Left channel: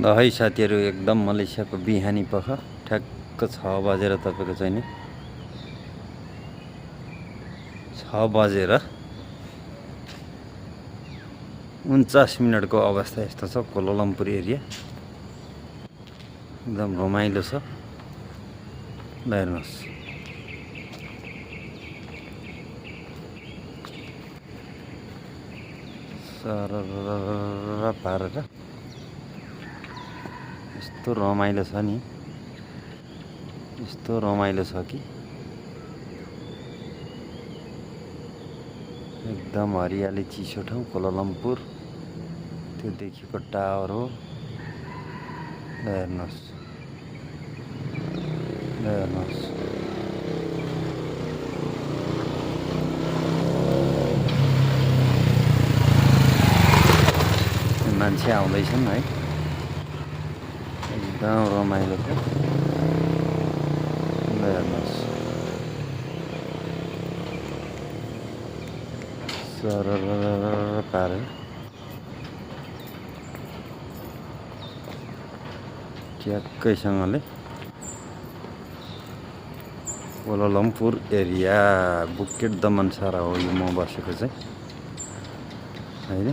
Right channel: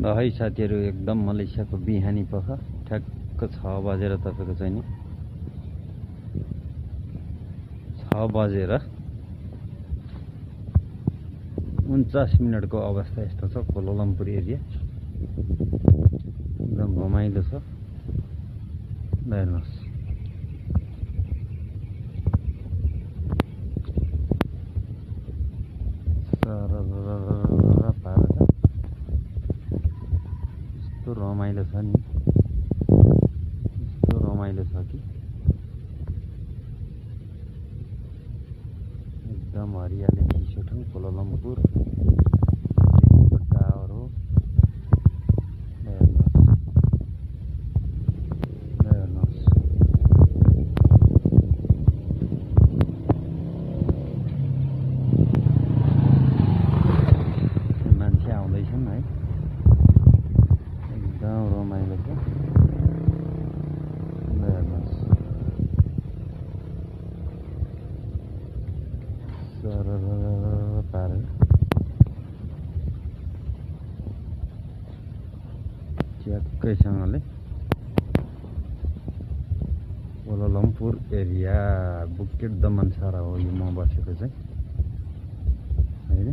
ल है साथीहरू, एकदम मलेसियाको बिहानी पख ठ्याक्क 6 बजेर तपाईँको चाहिँ नि 6 बजेर 49 मिनटको अवस्था यस्तो छ। कोलालम्पुर एरिया एकदम रमाइलो छ। ल हेर्नुहोस्, सरर पारेर यस्तो रमाइलो छ नि, यस्तो रमाइलो छ कि एकदम हरियाली चिसो ठाउँ कोलालम्पुर। त्यो देखेको टावर हो। ल हेर्नुहोस्, ल हेर्नुहोस्, मान्छे आउँदैछन् है, एकदम रमाइलो छ। ल हेर्नुहोस्, सरर पारेर ट्याक्कैसँगले कोलालम्पुर एरिया बुकेट दमनसारा हो यो म बसेको चाहिँ होइन।